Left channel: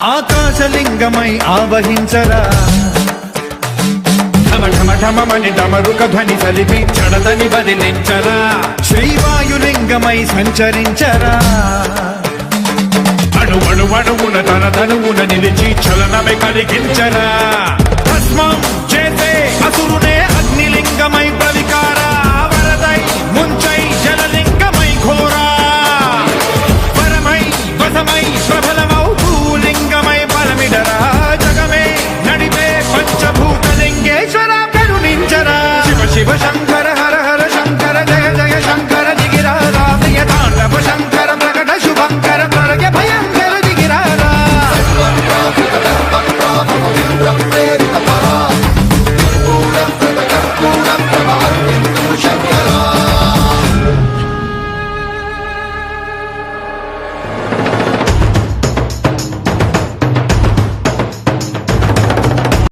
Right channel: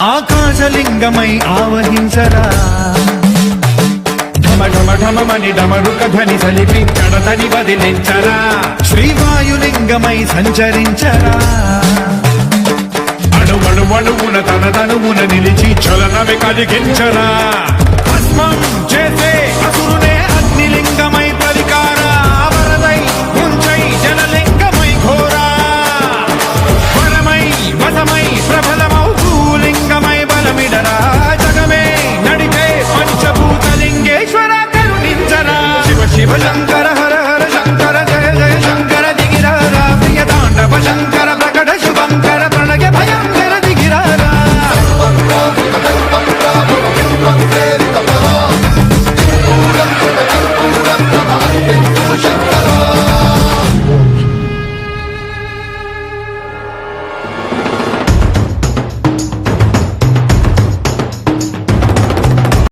ఆకాశలింగమై ఆవహించరా ఢమఢమఢమని డమరుక ధ్వని సలిపి చడదని వదిలించరా శ్రీవాయులింగమై సంచరించరా అడుగడుగడుగున తన తనువున నిలిచి చలనమే కలిగించరా భస్మం చేసే అసురునే అగ్నిలింగమై